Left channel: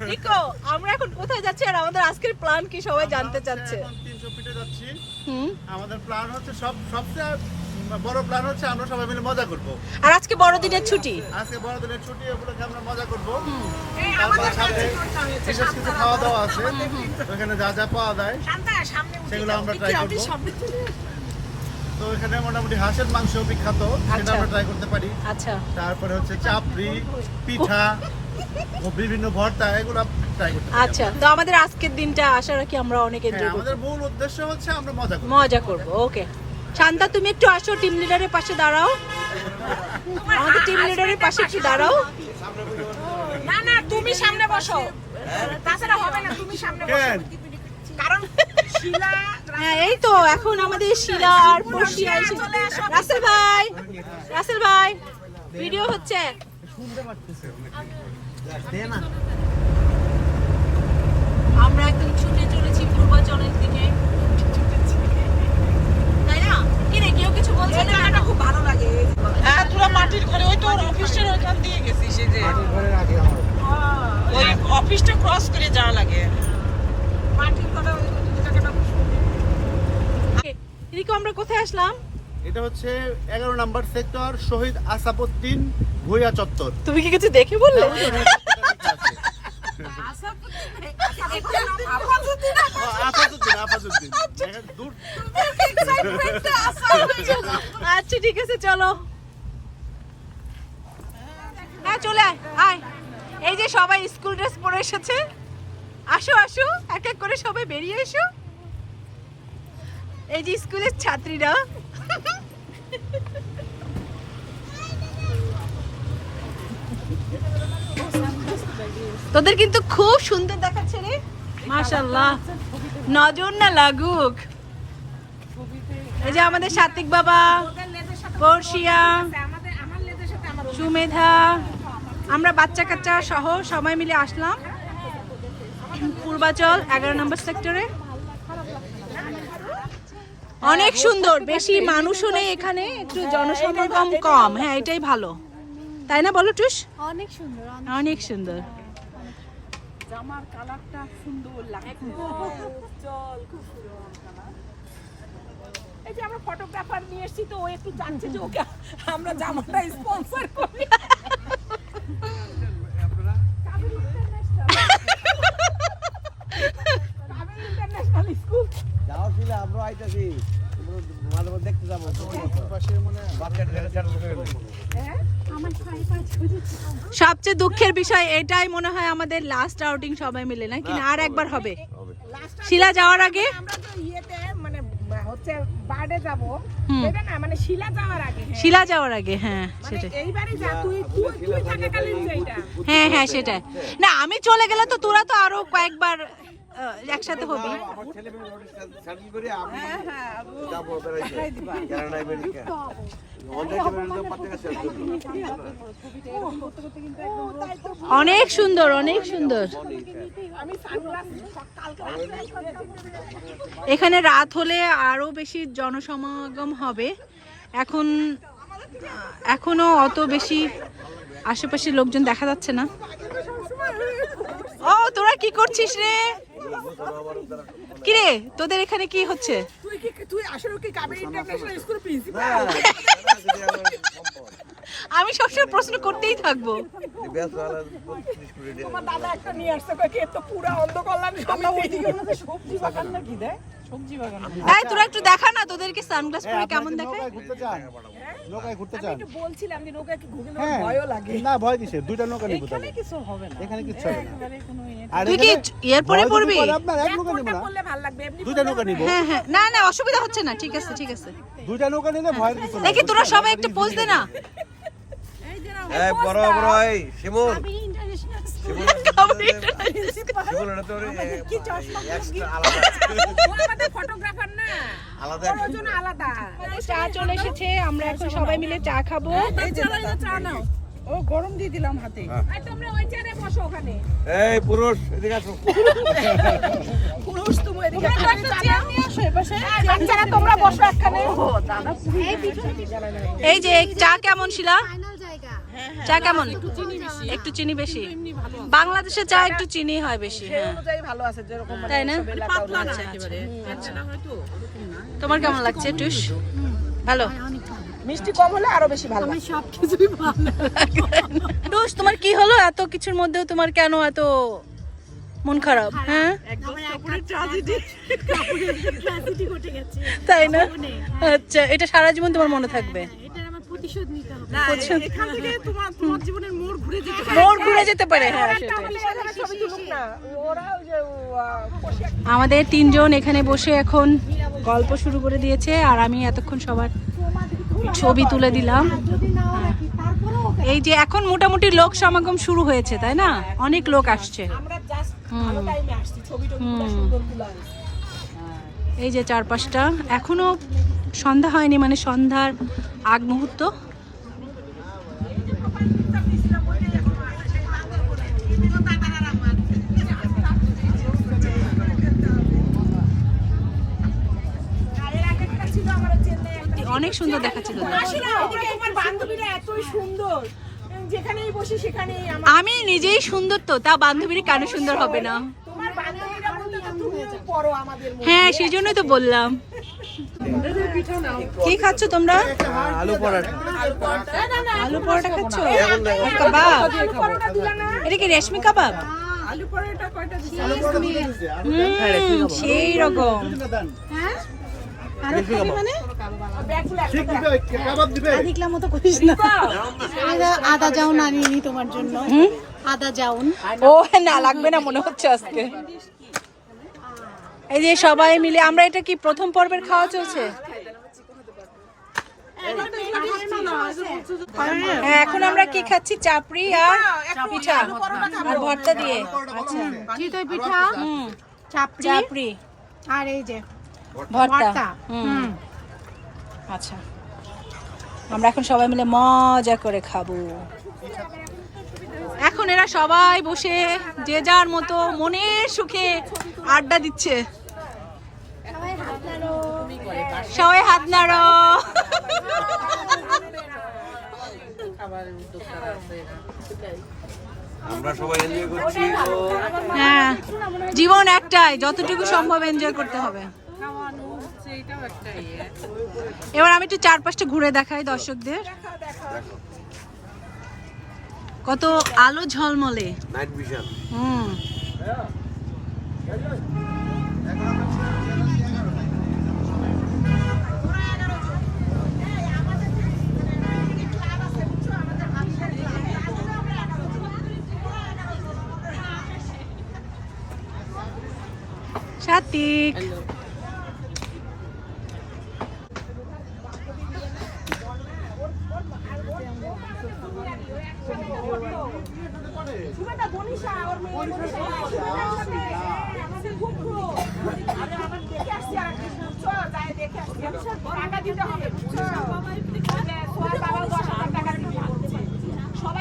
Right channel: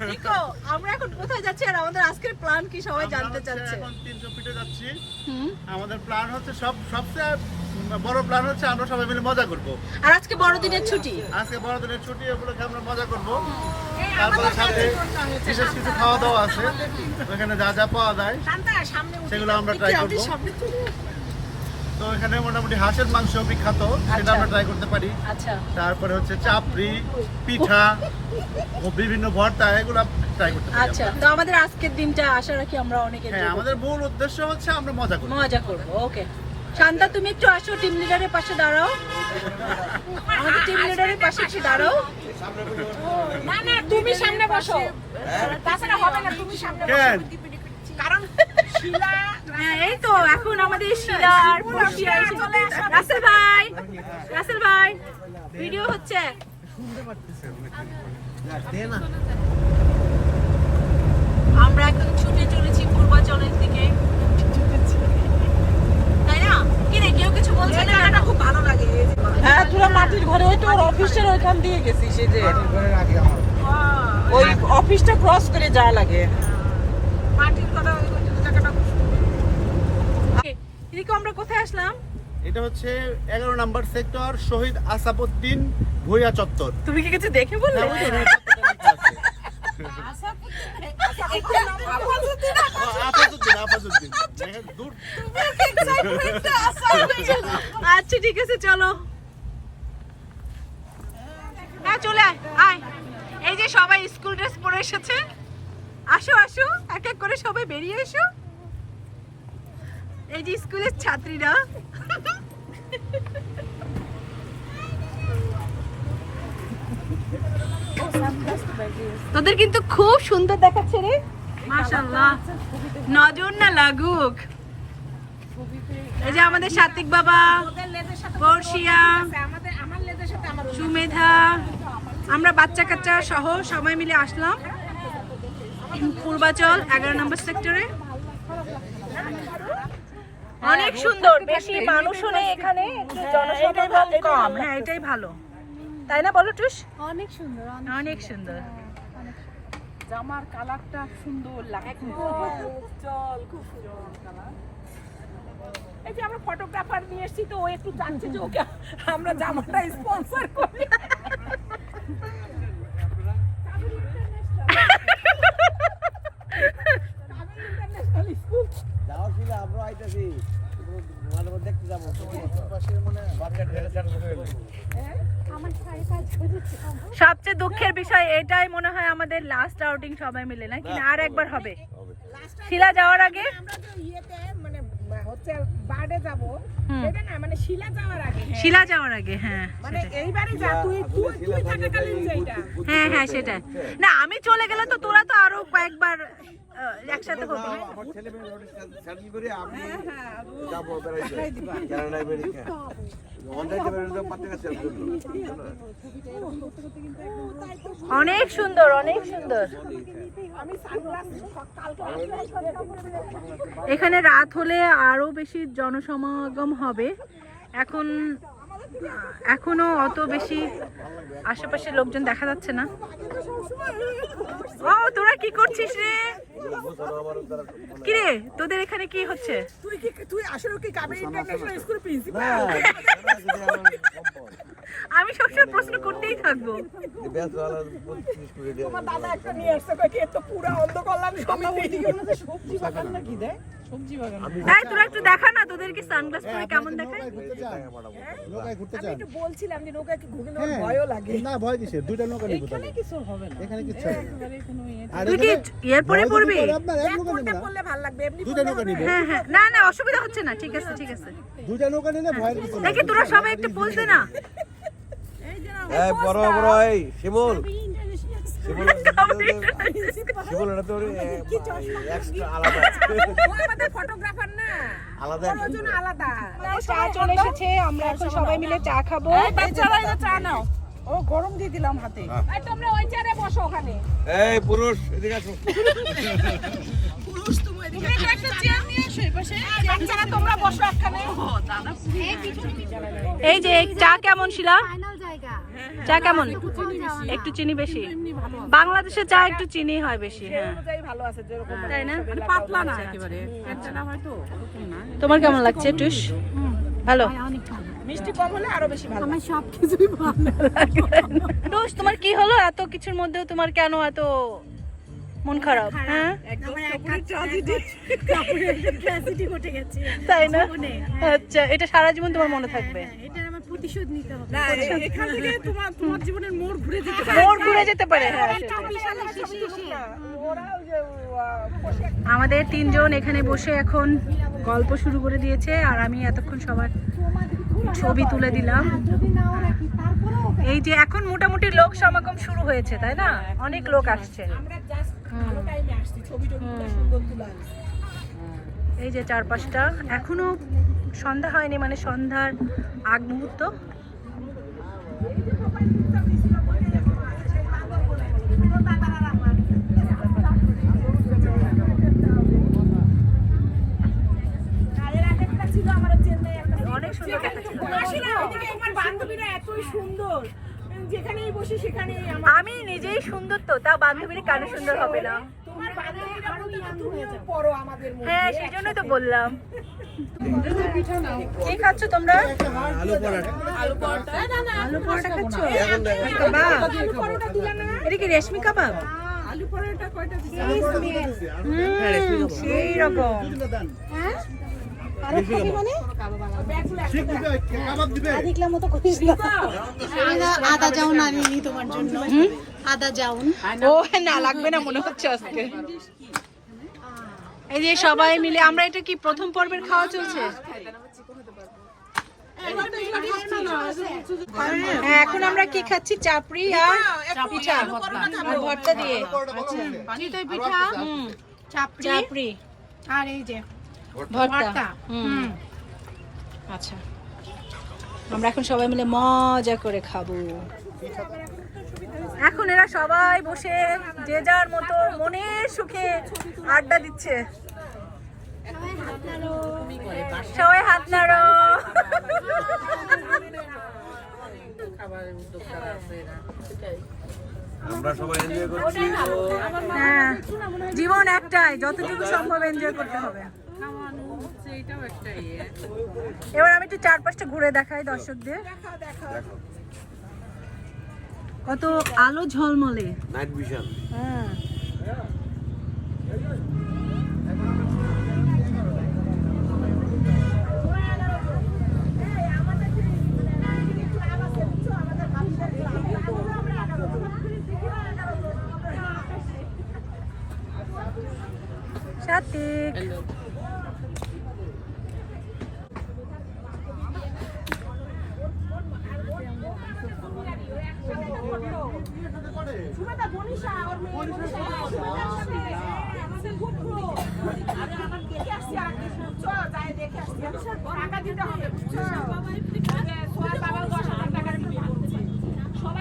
নিকো আমরা এখন কোথায় যাচ্ছি আর আমাদের আজকের প্ল্যান কি সবাই জানতে চাচ্ছে? এখন তিনশো ফিটে যাচ্ছি। হুম। আমাদের প্ল্যান হচ্ছে সব সবচেয়ে বড় প্ল্যান হচ্ছে আমরা সবাই মিলে মজা করব। আর আজকে বড়দিনের ছুটি। আজকে বড়দিনের ছুটি ওগুলোকে আমরা মজা করব। তারপরে সাথে বিশেষ কিছু খাওয়া দাওয়া আছে। ওখানে যা যা পাওয়া যায় সেগুলো আমরা ট্রাই করব। তো এখানে মোটামুটি হাঁসের মাংস বিখ্যাত সেটা আমরা ট্রাই করতে পারি। আচ্ছা। তারপরে হচ্ছে চাপড়ি পিঠা ও বিভিন্ন ভর্তা এগুলো ট্রাই করতে পারি আচ্ছা। তো আমাদের আজকের দিনটা আশা রাখি আমরা অনেক হ্যাঁ এনজয় আমাদের মূল উদ্দেশ্য হচ্ছে আমরা মজা করব। মজা করব ওকে শান্তা তুমি একটু আসো টিম লিডারের পাশে দাঁড়াও। আমাদের টিম লিডারের পাশে একটু দাঁড়াও। না না তুমি সামনে বসো। তাছাড়া হবে না তুমি সামনে বসো। কারণ এই তো এখন আমাদের শিলা আর পড়শিয়া এসে রাসেল ভাই রাসেল ভাই ভিডিও হচ্ছে। আমরা একদম ছুটে চলেছি পূর্বাচলের দিকে। তাই না? কি রে কেউ কিছু বলছে? না খুব ভালো লাগে। হ্যাঁ মাটির ঘরে ওই তো ওর অফিসের ওইখান দিয়ে গেছি যে। ওই অফিসটা ক্রস করে যাওয়া লাগে। মাটির ঘরে ওই জায়গাটা খুব রিকো আমরা কোথায় আসলাম? এটা হচ্ছে এগারো নাম্বার সেক্টর শহীদ আসাপুদ্দিন ভুইয়া চত্বর। তুমি কি কিছু দেখে বললে? হ্যাঁ, দূর। আচ্ছা ঠিক আছে চলো। হ্যাঁ চলে আয়। এই যে সবাই স্কুল ড্রেস পরে এসেছে। আসো আসো এক এক করে সবাই বেরিয়ে এসো। এই যে স্কুলের ছাত্রীরা। তোদের কিন্তু খুব সুন্দর দেখাচ্ছে রে। মাশাআল্লাহ। নজর না লাগুক। এই যে আমাদের সাত্বিক বাবা, বর্ষিয়া, সুমেধা, আমরা বাচ্চা কাচ্চা সহ সবাই মিলে আসলাম। পূর্বাচল, এগারো নম্বর সেক্টরে অনেক সুন্দর। বেশি মানুষও নেই এখানে একটু জনসমাগম কম হ্যাঁ এটাই ভালো। তাই না বলো টুস? অনেক সুন্দর অনেক সুন্দর। জামার কালারটা সুন্দর লাগে উজ্জ্বল খুব সুন্দর কালার। এই যে আমরা ফটোগ্রাফার নিয়ে এসেছি তো ও একটু জানছে যে ওকে আমরা জামাটা স্পন্সর করি কাবেরী ইন্টারন্যাশনাল স্কুল ছিল আইতাছি। মাঝে মধ্যে দেখতে যাব। মানে সবচেয়ে দুঃখের বিষয় এটাই মনে হয় আমাদের লাস্ট আউটিং সবাই মিলে নাকি? না আর একবার হবে। শিলা যাওয়ার আগে? আমরা তো ইয়েতে মানে হচ্ছে বার্ডে যাব। হুম। এটা না মানে শিলা যাওয়ার আগে হ্যাঁ। শিলা যাওয়ার আগে হ্যাঁ মানে এইবারে যা তুই তুই তুই থাকাকালীন যেটা হ্যাঁ হ্যাঁ সেটাই। না আমি চলে গেলে তো তোরা তো আরও কয়েকবার একসাথে হবে আমার ছেলে মেয়ে স্যান্ডেল করে আমি হ্যাঁ হ্যাঁ যাব বেড়াইতে অনেক সুন্দর অনেক সুন্দর। এখানে রাত হলে আরও বেশি জনসমাগম হবে। এখন এখনও অত বেশি আশেপাশের লোকজন দেখা যাচ্ছে না। ও তোরা কি করছিস রে? কিরে তোদের এখানে কি হচ্ছে? তুই কি তুই আসলে কি কাবেরী ইন্টারন্যাশনাল স্কুলের প্রিন্সিপাল আমি সবসময় প্রশ্ন করতেই থাকব। তোমার দাদা একটা নিয়ে আসছে কই তো পুরা অন্ধ সবজি বাগান নাকি দেয়? সবজি বাগান। এই তোরা একটু দেখা না তোদেরকে সানগ্লাস পরে কেমন দেখায়? ঘুরতে চান নৌকায় ঘুরতে আমি একটু বলছিলাম যে নৌকা কি ঘুরে হ্যাঁ। ভয়ও লাগে। না ভয় কিসে দুইটা নৌকা নিব এখানে কিছু হবে না। এখানে কিচ্ছু হবে না। একেবারে কোনো ইয়ে তুই কি এরপরে ভয় পড়বি? ভালো লাগবে এমনি দুইটা নৌকা নিব। হ্যাঁ হ্যাঁ। না না অসুবিধা হচ্ছে না ঠিক আছে ঠিক আছে। দুইটা নৌকা নিলে ভয়ের কিছু দেখি তোরা সবাই একটু পোজ দে না। এই বড় বড় এই শিমুল। শিমুল শিমুল এটা তো এক্সট্রা আলাদা। ফটোগ্রাফার না। আলাদা। ওজন আলাদা। চা চলে এসেছে আমরা সবাই মিলে চা খাব। বাচ্চারা এই যে চা নাও। ও গরম দিয়ে দিলাম হাতে। এই তোমরা ওই চেয়ারে বসো ওখানে। এই পুরুষ এদিকে আসো। পুরুষ তুমি এদিকে চেয়ার নিয়ে আসো এপাশে বাচ্চারা তোমরা বসো একখানে এই যে চা কেমন শিলা? চা কেমন? একটু চিনি বেশি? বাংলাদেশে চা একটু চিনি হয় বেশি হ্যাঁ। ভালো আছে যেরকম তাই না? পাতলা না আচ্ছা, আচ্ছা। তোমার কেমন লাগছে টুস? ভালো? মিষ্টি কম হলে আরও বেশি ভালো। টুস তোমার কি হলো? এত কিছুর মধ্যেও তোমার কেন এত মন খারাপ হ্যাঁ? তাই না? আচ্ছা এটা সারা জীবন তোমার মনে থাকবে? না, এখান থেকে তোমার তোমার জীবনের মোড় ঘুরে যেতে পারে। মোড় ঘুরে যেতে পারে হ্যাঁ আমাদের তিনজন এখানে বসে এখন গল্প শুরু করে দিয়েছে আর আমি এতক্ষণ সবার ছবি তুলে দিলাম। এই যে এখন মোটামুটি লোক সমাগম শুরু হয়েছে তাই না? অনেক লোক আসছে। আমরা জাস্ট ভালো টাইমে আসছি ছবি এই যে চারপাশটা। এখনও সন্ধ্যা হয়নি মানে সন্ধ্যার আগ মুহূর্ত। অনেক সুন্দর দেখাচ্ছে। আমি নিজেই সুন্দর তো, তা বান্ধবীরা কেন সুন্দর হবে না। তোমার হ্যাঁ সেই জন্যই তো বললাম। কি খাচ্ছ তোমরা? আলু পরোটা। খাচ্ছ? কাবাব আলু পরোটা দিলে না? এটা কি রেশমি কাবাব? আলু পরোটা কয়টা দিছে? হুম, সেই রকম। দিবে? আদা তোমার জন্য। আদা জাউন ও না লাগবে না মনে হচ্ছে আজকে। এই যে সবাই মিলে আমরা এটা কি প্রথম পর্বের খাওয়া চলছে? হ্যাঁ এখন আমরা কি খাচ্ছি? চাপড়ি আর পিঠা আর ভর্তা দিয়ে। আচ্ছা। পিঠা চাপড়ি আর এই যে ভর্তা। ভর্তা। হুম। আচ্ছা। আমরা এখন সবাই মিলে মজা করে খাব। এখন এরা সবাই বসে যে যার মতো মনের সুখে আড্ডা দিচ্ছে। সবাই হাত নাড়ো। আমরা সবাই এনজয় করছি। হ্যাঁ জীবন একটাই যতটুকু সম্ভব এনজয় করতে হবে। এবার আমি একটু চারপাশটা ঘুরে দেখাই দর্শকদের। কত আলো ঝলমলে। নাইট ভিশন হুম। সাতিক সুমেতা বনিশা ওর মেয়ে বনিশা একসাথে আমাদের খুব close। আরে আমার দেখে আসছি আর একটা বুঝছ? যাই দেখে আসছি। টাকা দিতে হবে, বুঝছ? যে সোহার বাবাও দশ হাজার টাকা দিতে বলছে। সবাই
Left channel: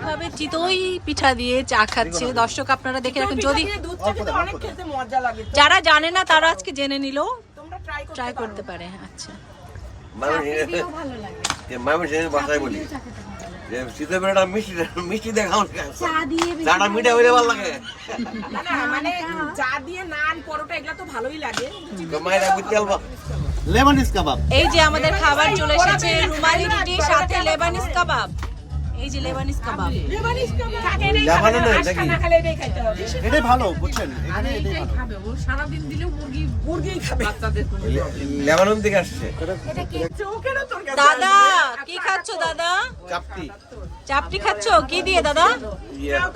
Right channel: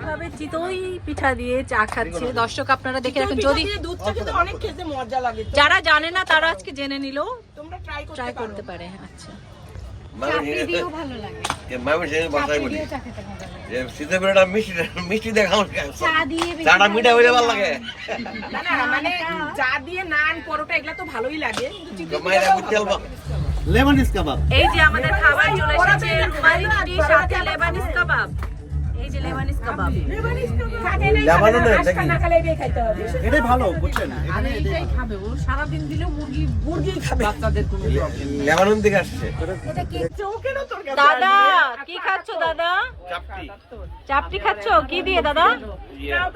কীভাবে চিতই পিঠা দিয়ে চা খাচ্ছে। দর্শক আপনারা দেখে রাখুন। যদি দিয়ে দুধটা কিন্তু অনেক খেতে মজা লাগে। যারা জানে না তারা আজকে জেনে নিল। ট্রাই করতে ট্রাই পারো। করতে পারে আচ্ছা। ভালো লাগে। যে শীতের বেলাটা মিষ্টি মিষ্টি দেখাও চাটা মিঠা হইলে ভালো লাগে। মানে চা দিয়ে নান পরোটা এগুলো তো ভালোই লাগে। কিন্তু তো মায়েরা বুঝতে পারব লেমনিস কাবাব। এই যে আমাদের খাবার চলে এসেছে রুমালি রুটি সাথে লেবানিস কাবাব। এই যে লেবানিস কাবাব। থাকে নেই, লেবানো নয়, আজকা নাকি? না খেলে এটাই খাইতে হবে। এটাই ভালো বুঝছেন? এখানে এটাই ভালো। মুরগি খাবে। লেবানন থেকে আসছে। চৌকেরও তরকারি। দাদা কি খাচ্ছো দাদা? চাপটি। চাপটি খাচ্ছো? কি দিয়ে দাদা?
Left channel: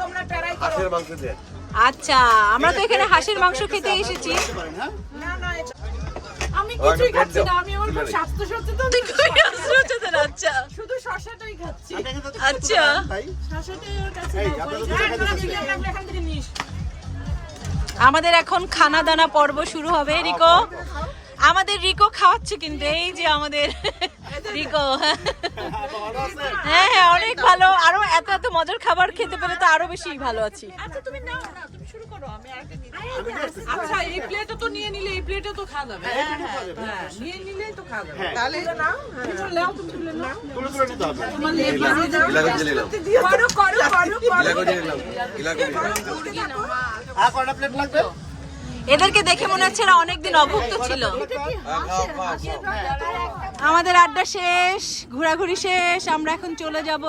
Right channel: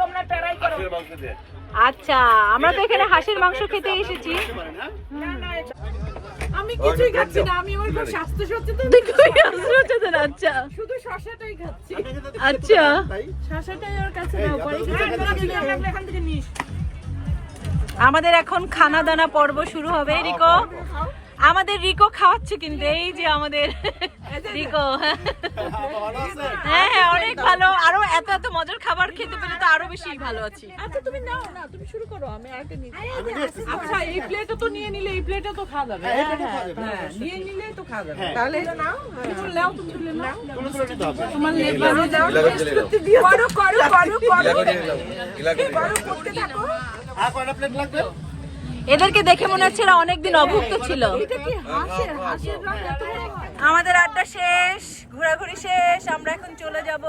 তোমরা ট্রাই করো। হাঁসের মাংস দিয়ে। আচ্ছা আমরা তো এখানে হাঁসের মাংস খেতে এসেছি। না আমি কিছুই খাচ্ছি না আমি আমার খুব স্বাস্থ্য সচেতন। আচ্ছা। শুধু শশাটাই খাচ্ছি। আচ্ছা। শশাটাই ওর কাছে এখান থেকে নিস। আমাদের এখন খানা দানা পর্ব শুরু হবে রিকো। আমাদের রিকো খাওয়াচ্ছে কিন্তু এই যে আমাদের রিকো। হ্যাঁ অনেক ভালো আরও এত এত মজার খাবার খেতে পেরে তো আরও বেশি ভালো আছি। আচ্ছা তুমি নাও না তুমি শুরু করো আমি আরেকটা নিই আচ্ছা এই প্লেটও তো নিয়ে নিলে এই প্লেটটা তো খাওয়া যাবে। হ্যাঁ, এই খাওয়া যাবে। হ্যাঁ নিয়ে নিলেই তো খাওয়া যাবে। হ্যাঁ। তাহলে নাও কিছু নাও তুমি নাও। নিতে হবে। গিলা করে নাও করো করো করো গিলা করে জেলে নাও গিলা করে নাও আর কয়টা প্লেট লাগবে? এদেরকে দেখে মনে হচ্ছে এরা অনেকদিন অভুক্ত ছিল। আমাদের আড্ডা শেষ ঘোরাঘুরি শেষ আমরা এখন চলে যাব।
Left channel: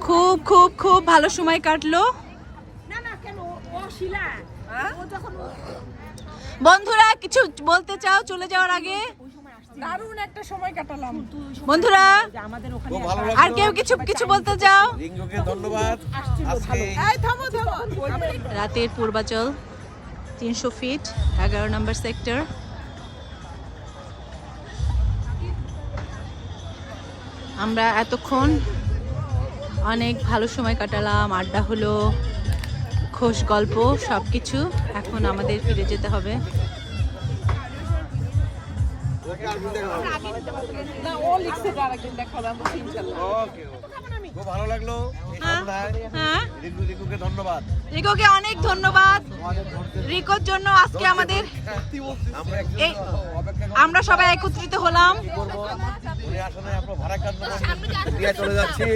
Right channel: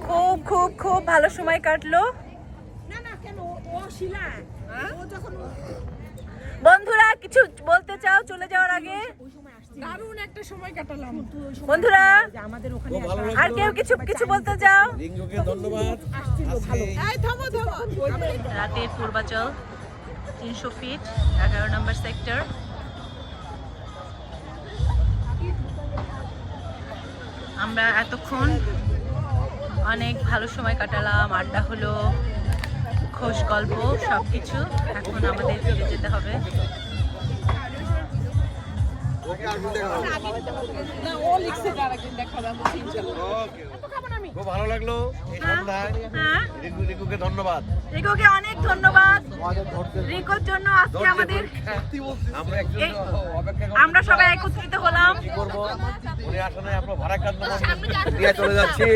খুব খুব খুব ভালো সময় কাটলো। না না কেন? ও- ও শিলা। ও যখন বন্ধুরা কিছু বলতে চাও চলে যাওয়ার আগে? দারুণ একটা সময় কাটালাম। বন্ধুরা আমাদের ওখানে আর কেউ কিছু কিছু বলতে চাও? রিঙ্গুকে ধন্যবাদ। এই থামো থামো। রাতে পূর্বাচল তিনশো ফিট এগারো নম্বর সেক্টর আমরা এতক্ষণ অনেক ভালো সময় কাটালাম, আড্ডা হলো, খোশ গল্প সব কিছু এখন আমাদের ফিরে যেতে হবে। খুব ভালো লাগল এই সন্ধ্যায়। রিঙ্কু রিঙ্কুকে ধন্যবাদ। রিকোকে অনেক ধন্যবাদ। রিকোর জন্য আজকে আমাদের আমরা সবাই একত্রিত হলাম। কি করব? উনি আসলে আমরা ভাড়াকান্ত দিয়ে চলে যাচ্ছি।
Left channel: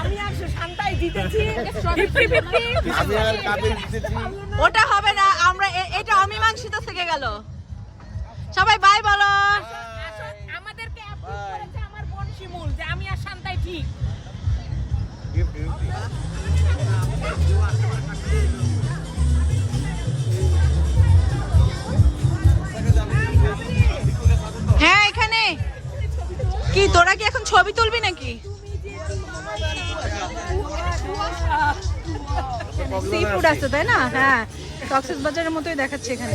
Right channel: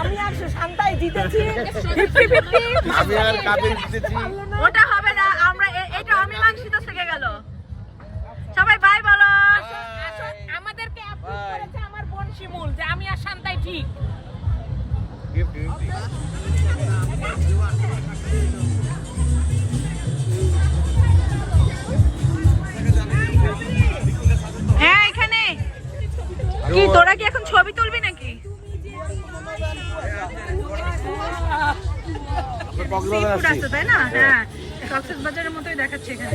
আমি আর শান্তাই জিতেছি। ফিফটি ফিফটি আমি আর কাবির জিতেছি। ওটা হবে না আমরা এটা অমীমাংসিত থেকে গেল সবাই বাই বলো আমাদেরকে অ্যাপ্রুভ করেছে আমার বোন শিমুল যে আমি আর শান্তাই ঠিক। হ্যাঁ এখানে। কি তোরা কি এখন ছবি তুলবি নাকি? সি ফুড আছে তাই না? হ্যাঁ কক্সেস বাজারের মতোই দেখাচ্ছে এখানে।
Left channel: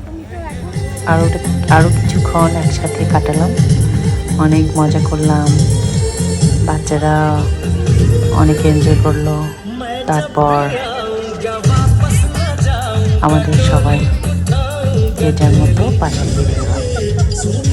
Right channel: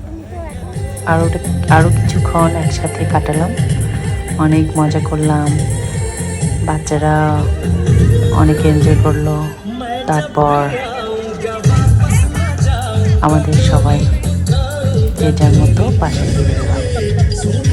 আরও আরও কিছুক্ষণ একসাথে কাটালাম। অনেক মজা করলাম। বাচ্চারা অনেক এনজয় করল। তারপর আমাদের সবাই যে যার মতো পাশে ফিরে গেলাম।